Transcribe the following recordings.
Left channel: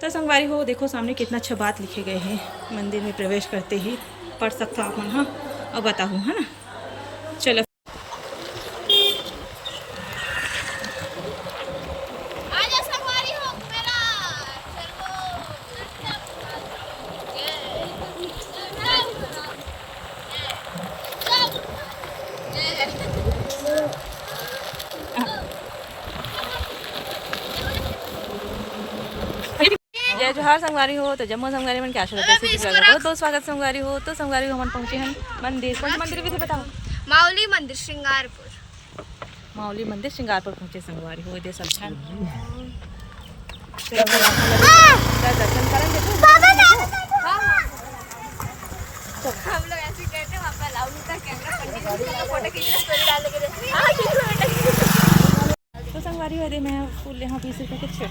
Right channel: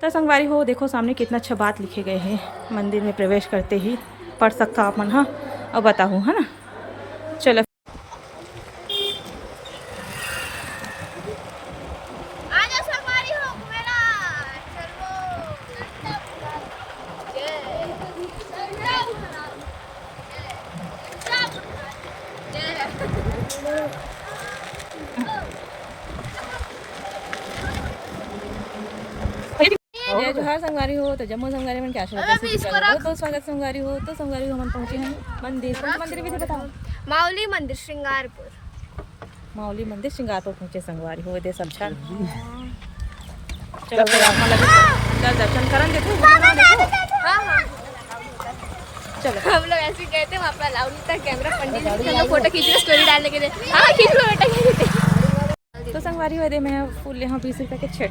तो संगवारी हो देखो सामने कितना अच्छा बात लिखे गए हैं। मंदिर में प्रवेश करते ही पढ़ सकता आप मन। हाँ और बताऊँ है ना। चलो जय जोहार संगवारी हो। तो जम्मू संगवारी मन क्या बहुत बहुत स्वागत संगवारी हो। तो संगवारी हो हम पहुंचे हैं मंदिर। कौन मंदिर भी बताओ। माउली मंदिर श्रृंगारपुर। माउली मंदिर श्रृंगारपुर पहुंचे संगवारी हो। दे सब चल चलो फिर आप अंदर दर्शन करन देखो। चलो हम लोग ऐसे कहते हैं वहाँ पर अलाउ नहीं था कैमरा। पंडित जी चलो फोटो खींच के स्टोरी डालने के लिए। हाँ खींच लो बेटा। तो संगवारी हो दे मैं फूल यहाँ 20 रुपये के 6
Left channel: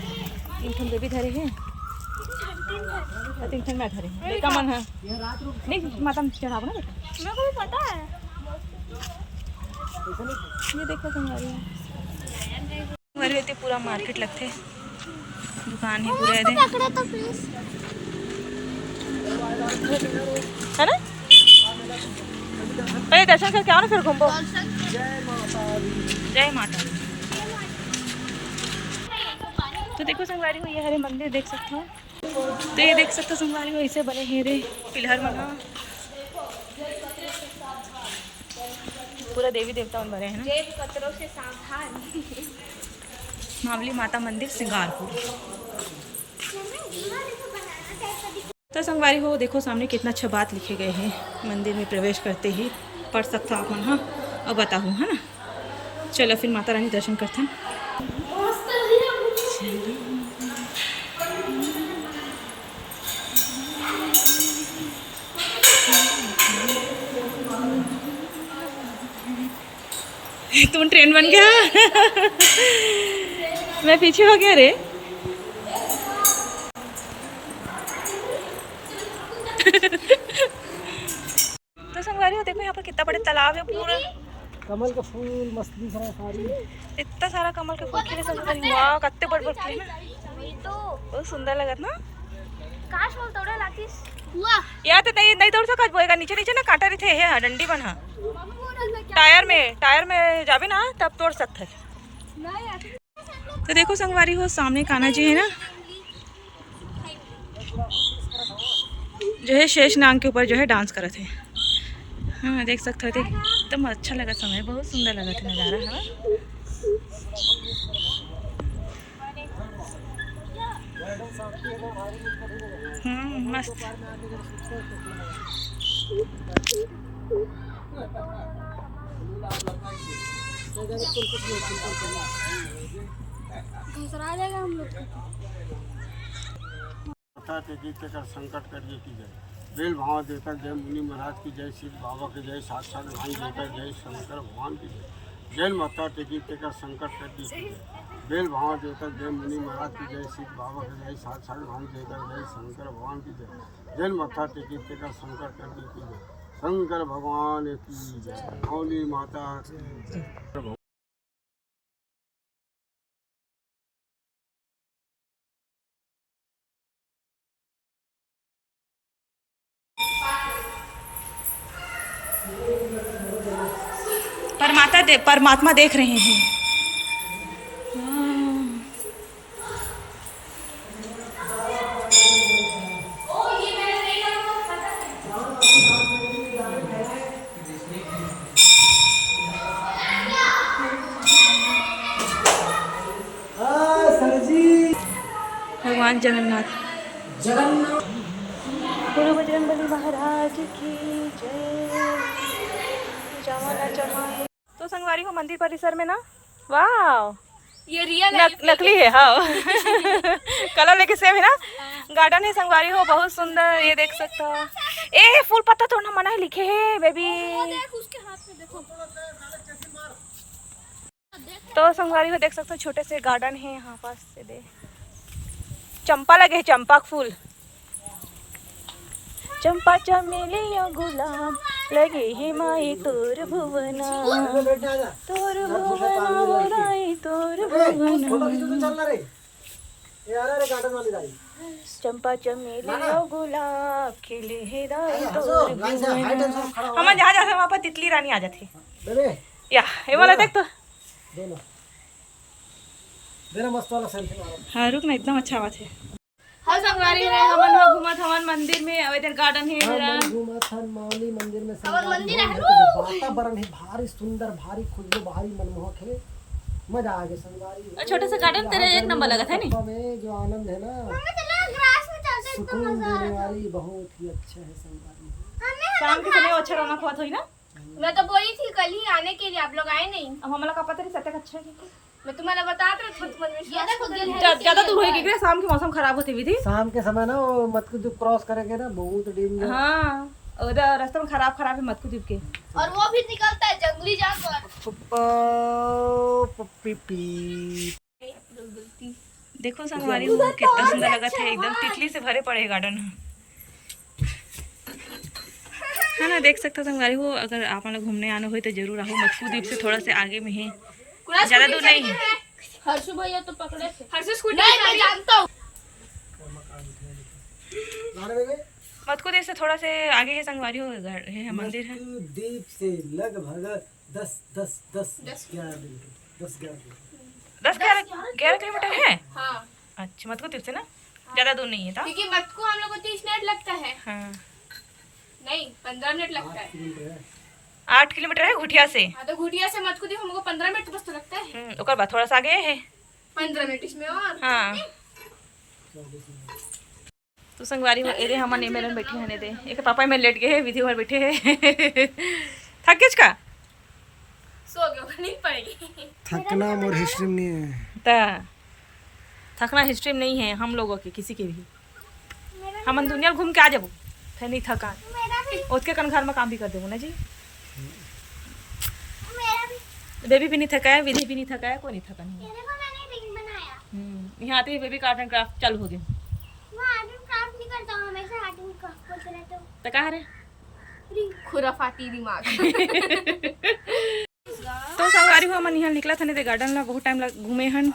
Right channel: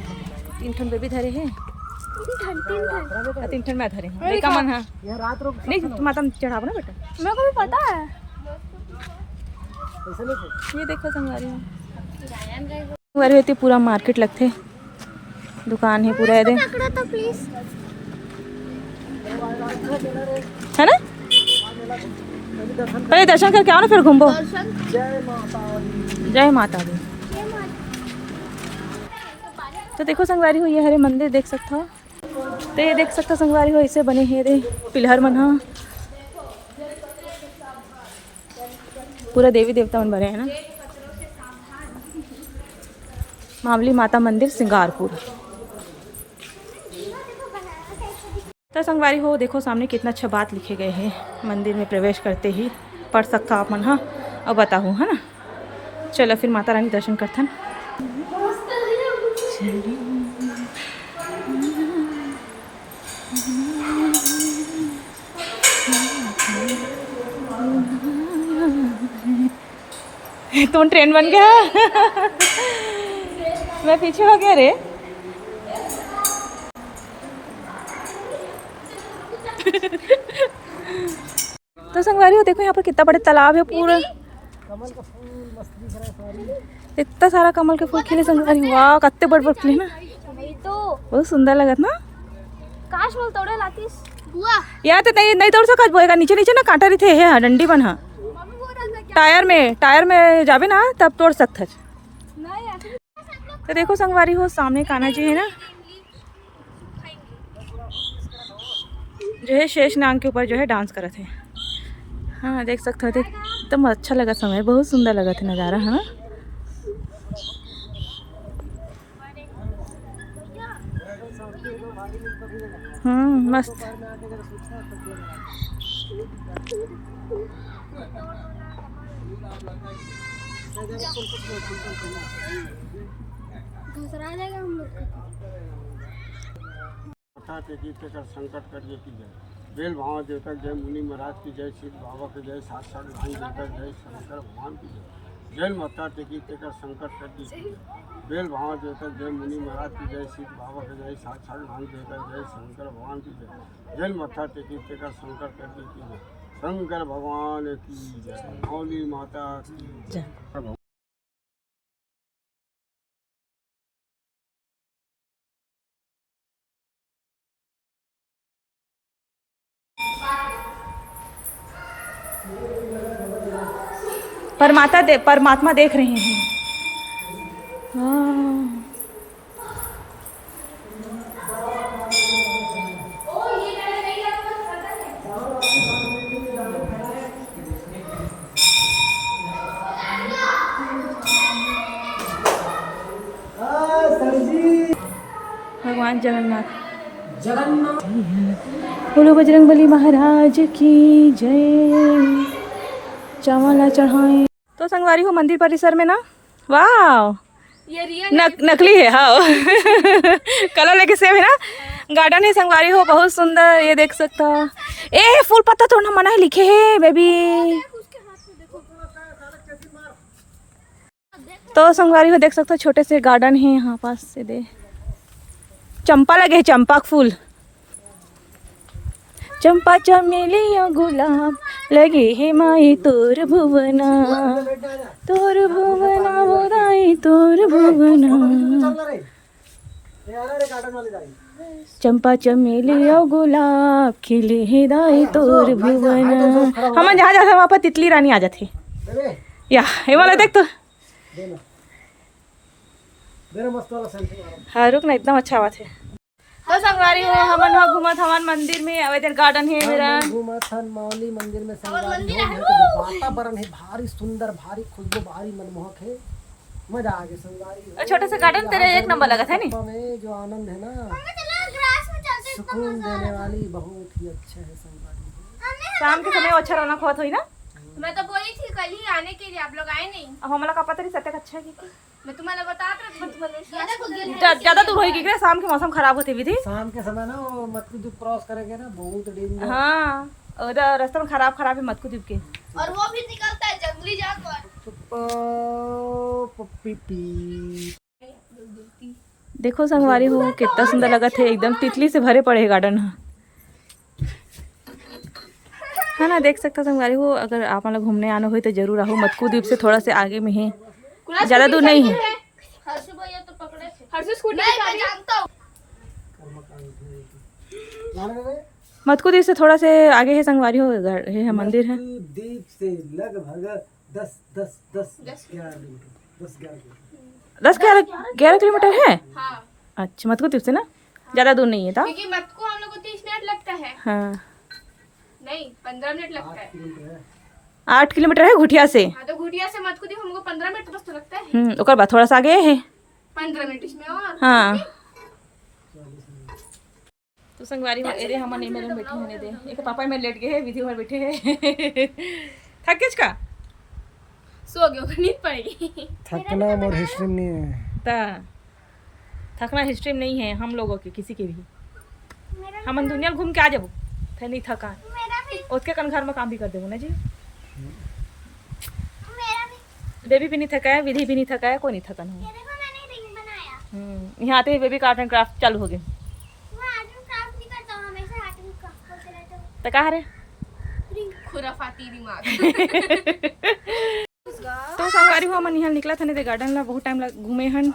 3 ठन बेबी धरे हैं। 3 ठन मैं धरे हूँ लेका मन है नहीं माता में चढ़ाओ ना बेटा। मेरे को भी पता है। ये देखो संगवारी हो। संगवारी होती पूरा मार्केट लगते दुकान है पूरा दे पकड़ो तो प्लीज है ना। पहले दर्शन करके आओ ना फिर घूमो। जय माता दी। तो देखो संगवारी हो ये हरे मंदिर देख सकते हो। तो ये देख सकते हो संगवारी हो ऐसे बने हैं रे पिलर मन। हाँ पूरा देवी देवता मन बने हैं ना। मावली माता मंदिर श्रृंगारपुर। तो संगवारी हो देखो सामने कितना अच्छा बात लिखे गए हैं। मंदिर में प्रवेश करते ही पढ़ सकता आप मन। हाँ और बताऊँ है ना। चलो फिर माता रानी दर्शन करथन। तुम ट्रेन बन गया। मैं पीछे हो गया रे। तो संगवारी हो देखो यहाँ पर कितना बड़ा तालाब है। पूरा कमल का फूल मस्ती सारी इतना सारा कमल के फूल खिले संगवारी। वाह कितने बड़े बड़े खिले ना। बहुत सुंदर लगत ना। काश वो तोड़े लातीस बुआ। यार तो नहीं तोड़ सकत बोएगा। नीचे नीचे ना कांटा रही थे है डंडी बन। हाँ टायर में जावे ना तब तोड़ सकते। तो देखो संगवारी हो सामने कान्हा जी है ना जो है शेष नाग के ऊपर जो है डांस करत है। हाँ देख सकते हो एकदम अच्छा लगा समय। बहुत सुंदर लगा था नज़ारा। हाँ मस्त। कर संकट करिए की जय। बेल भाव देवता जय। मुनि महाराज की जय। शिव बाबा के जय। साक्षात भाई देवता जय। शंकर भगवान की जय। जय माता टेकी तेकर संकट कर दी की जय। बेल भाव देवता जय। मुनि महाराज की जय। शिव बाबा के जय। साक्षात भाई देवता जय। शंकर भगवान की जय। जय माता टेकी तेकर संकट कर दी की जय। शंकर भगवान की जय। मौली माता की जय। परमात्मा देख रहे हैं। हाँ। भगवान जगन्नाथ बोलो बजरंगबली महाराज की जय। चावल चढ़ाए। तो संगवारी हो मंदिर परिसर में ना वाह ये रियल नकली है। हाँ कलर लेके सेम है ना। गार्डन है संगवारी हो बहुत सुंदर। ये देख सकता हो। ए फूल पत्ता तोड़ना मना है लिखे है बेबी। तो संगवारी हो देख सकते हो छोटे से गार्डन है यहाँ पास से दे चंपा लगे है। चंपा फूल चंपा चमेली गुलाब लगे है माई तोर भुवना बुराई तोर भुवना। चंपा चमेली और गुलाब खिले हिदाई तोर भुवन। हम जहाँ जाते वहाँ पर तितली रानी आ जाती या ये वाला देख तो मस्त वाला सेल्फी। हाँ रुक ना, एकदम अच्छा बात है। तो संगवारी है हमन हो घूमत हवन मंदिर में, अब इधर गार्डन है मेरा घूमत हन मौली मंदिर में। वातावरण है भारी सुंदर, भारी खुशबू, भारी मनमोहक है। मजा आ गया संगवारी। छोटा सा गार्डन तेरे एक नंबर लगा था नहीं में जो आनंद है ना, सुकून देने वाली, बहुत ही अच्छा है संगवारी। शाम के समय अच्छा रौनक हुआ हुई ना। मैं तो बोली थी कल ही आने के लिए, आप लोग आए नहीं। अब हमारा का पता नहीं सत्य अच्छा है कि मैं तुम्हें बता रहा ज्यादा दूर होगी क्या? शाम के मौसम खराब होते विधि, शाम के समय ना वो मटकू जो क्रॉस करेंगे ना, बहुत डेंजर। हाँ उधर रास्ता में खराब है मटकू द्वीप के। और वो भी निकलता है जंगली जानवर। देखो संगवारी हो कितना सुंदर लगा थे, एकदम तितली से भरे पड़े गार्डन है ना। देख सकते हो संगवारी हो, अगर आप लोग घूमने आना हो तो जरूर आओ। मटकू द्वीप से थोड़ा से आगे में है, ज्यादा दूर नहीं है। हर्षु भैया तो पकड़े थे। हर्षु स्कूटी की चाबी जानता हूं। मटकू द्वीप से थोड़ा से आगे है संगवारी हो, है मंदिर है। द्वीप से लगभग 10-11 किलोमीटर है। हाँ अच्छा मटकू द्वीप से ना ज्यादा दूर नहीं है था। क्योंकि मत को हम लोग को 30 मिनट लगता है। हाँ नहीं 15 मिनट लगता है। 8 किलोमीटर है घुटिया से। हाँ तो घुटिया से मत को दी हमको 15 मिनट बस तो लगता है। ओकर बाद थोड़ा सा आगे है 15 मिनट इसमें और। हाँ तो संगवारी में एरे हमन एमएलएन बैठे हने दे, एक पापा में लेट गए है, विधि भर बैठे है। थक किस का सो गए, नींद पड़ेगी। थकना मोर हिस्ट्री में नहीं है। ता थकना हिस्ट्री में नहीं है हम लोगों के, किसी के भी। हमन दुनिया घूम के आ जाबो, फिर नहीं थकान उसके कन घर में काम भी कर देबो ना जी। बेबी भी नहीं थका है, विधि भी नहीं थका है, कोई नहीं थका है। यहाँ आते ही बेबी का आर्ट एंड क्राफ्ट चालू हो गए। तो कहा रे खुराफाती दिमाग। तो संगवारी हो मन यहाँ निकला था नहीं गार्डन ला, बहुत टाइम लग घूमे हन।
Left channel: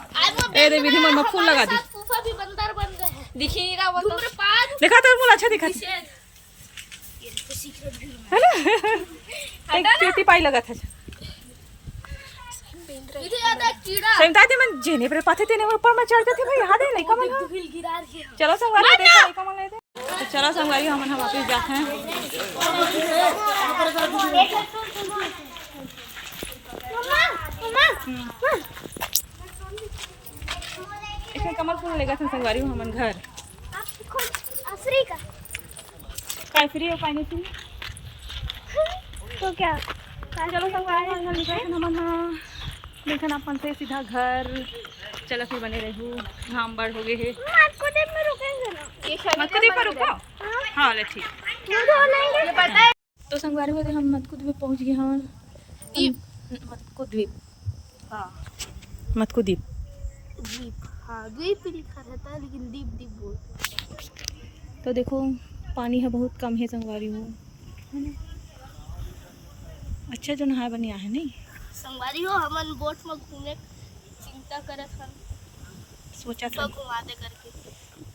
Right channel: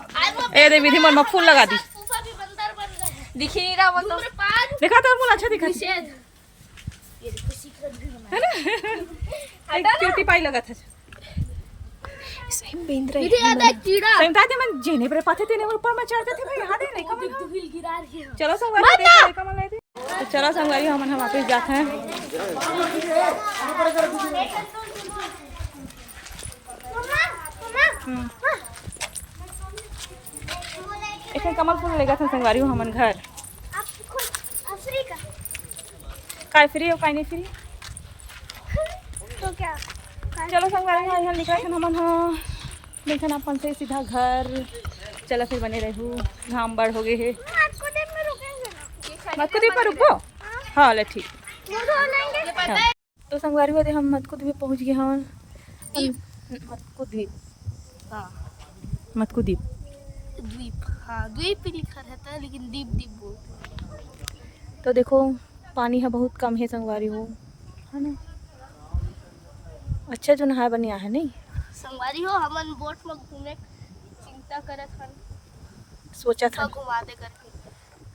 ए दे विधि मन में फूल लगा दी, दिख ही नहीं रहा वो तो। देखा तो फूल अच्छा दिखा था, एक चीटी पाई लगा था। सही ताते मन जेने पर पाते तेने ऊपर में चढ़ जाते भाई। हां नहीं कम चलो संगवारी देखा नहीं कम ले दे। तो चलो संगवारी हम वापस जाते हैं। इसमें कमल फूल लेगा था संगवारी हो हमन घर। काय फ्री हो काय नहीं फ्री तो क्या चलो संगवारी हो यहाँ निकला था हमन। हाँ देखन अपन से सीधा घर चलो फिर बने रहू, घाम बड़ हो गए है। मटकू द्वीप पर रुको। हाँ ले ठीक। हाँ। तो संगवारी हो हम मटकू द्वीप पहुँच गए। हाँ मटकू द्वीप, हाँ मटकू द्वीप द्वीप, हाँ द्वीप ही लिखा रहता है लेकिन द्वीप द्वीप बोलते। तो देखो पानी है बहुत कम है संगवारी हो, है ना। अच्छा जो नहाए बनिया है नहीं संगवारी हो हमन बोट में घूमे चिंता करत हन, सोचा था घुमा दे करके।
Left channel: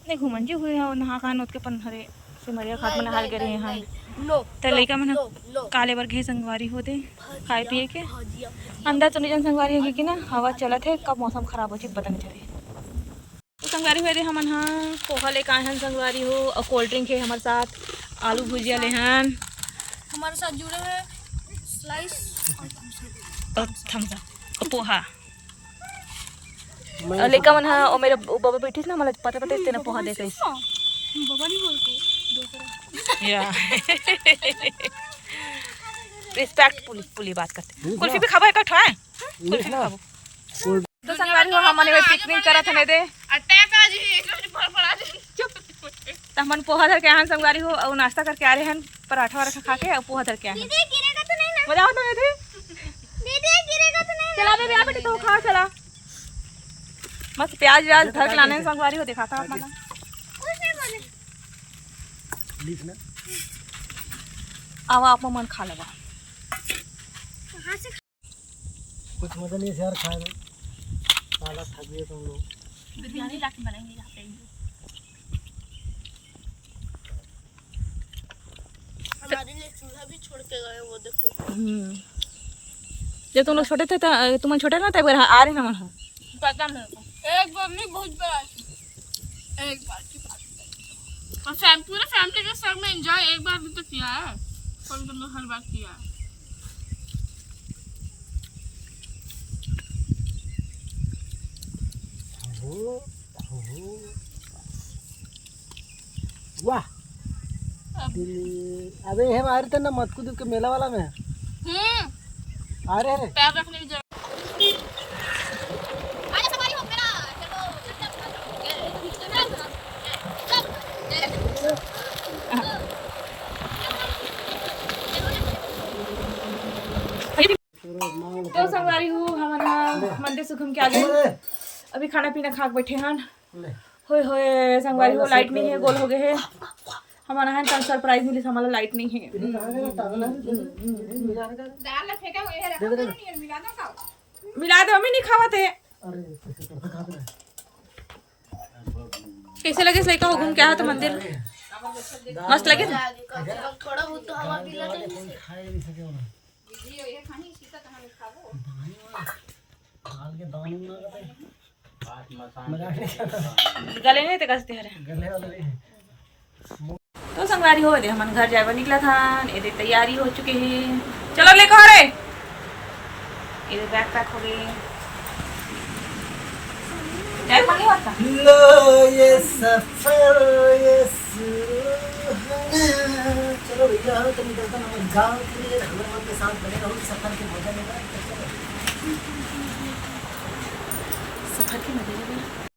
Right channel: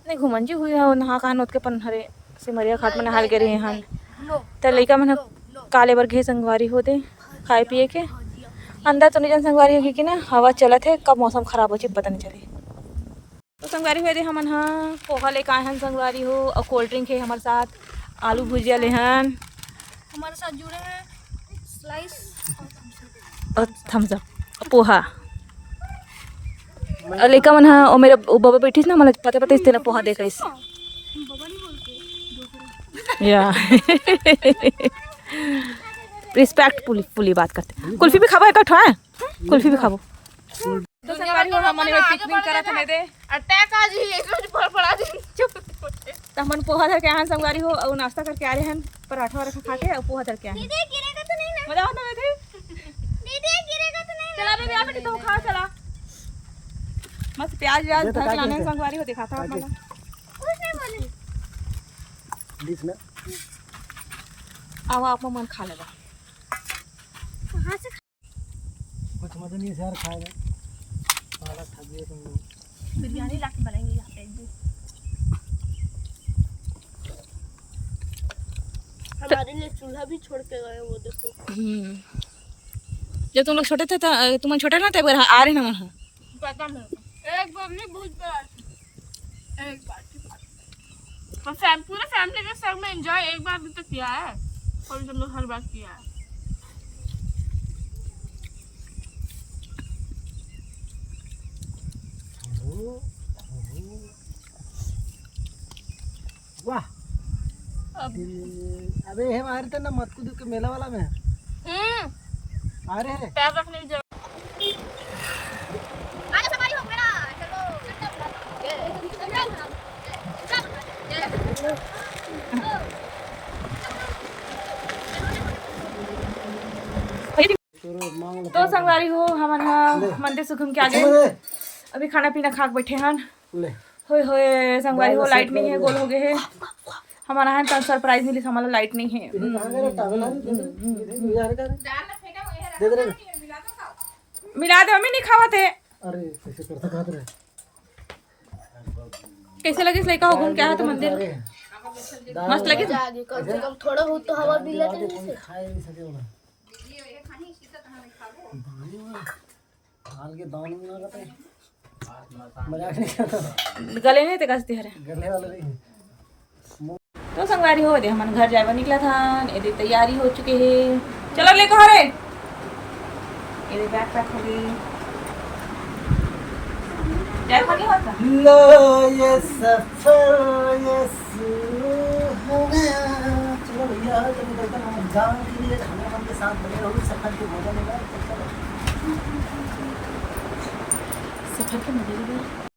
नहीं घूमन जी हुई हो नहा कहा नोत के पन हरे सिमरिया घाट में नहाल गए रहे हन। तो लइका मन काले बर घे संगवारी हो दे खाए पिए के अंदर तो नहीं संगवारी होगी कि ना हवा चलत है, कब मौसम खराब हो जाए पता नहीं चले। तो संगवारी हुए हमन हाँ पोहा लेके आए हन संगवारी हो, और कोल्ड ड्रिंक है हमारे साथ, आलू भुजिया ले हन हमारे साथ जुड़े हैं स्लाइस और थम्स अप और पोहा। और लेकर मन हाँ और मेरे बाबा बैठी ना मतलब पता पता इससे ना पोहा देकर इस बाबा नहीं बोलते या रिस्पेक्टफुली बात करते। कुल्फी भी खाबो एक है, कुल्फी भी खाबो। तो संगवारी हो हमने पिकनिक करा था दे अटैक आज ही एक रोज पड़ा दे चुप। तो हमन पोहा धर के आए संगवारी हो और नाश्ता करके आ रहे हैं, पराठा वराठा खा के और पोहा धर के आए हैं। गिरेगा तो नहीं ना? मजा आता है दीदी गिरेगा तो नहीं? चला बेबी बेटी तू खा चला। मस्त प्याज व्याज धर के लाने संगवारी हो दिखाता आप मन कुछ नहीं बोले प्लीज ना आवा आप मन खा लेगा। कहां से कुछ मजा नहीं यार खाएगा, साला थक गए तुम लोग। बिरयानी लाके बनाएंगे यहाँ पे एक दिन। हमारे लिए चूल्हा भी छोड़ के गए वो देखो। जब तुम लोग छोटे थे तुम छोटे ना तब आ रहे ना वहाँ पता नहीं एक बार नहीं बहुत बार एक बार की बात और पूरे फैमिली के संग में एंजॉय एक बार भी तो किया है और तुम लोग हर बार किया है। वाह अबे हम आ रहे थे ना मत कूद के मेला वाला में आ रहे हैं पैर रखने की जरूरत आजा सवारी हो मेरा चलो तो संगवारी हो हमारे यहाँ मंदिर से घूम के आ गए। अभी खाना पीना खा के बैठे हैं। होए होए संगवारी हो लाइट नहीं है गोल हो गए है हमारा यहाँ तन सरप्राइज मिली हमारा लाइट नहीं है। मिला दे मम्मी नहीं खावा थे। कैसे लगे लड़का हो घूम के आया तो मंदिर मस्त लगे कम से कम थोड़ा हो तो हवा भी लगे से गले नहीं थे कसते हरे तो संगवारी हो दे हमारे घर जाए निकला था ये तैयारी हो चुके है। चलो ले कहो रे ये बैग पैक हो गई बैग में नहीं होता लो ये सफर ये चलो भैया तुम गाँव के लिए हमें के साथ बने रहो सफर के मजा लेना। सफर के मजे लेना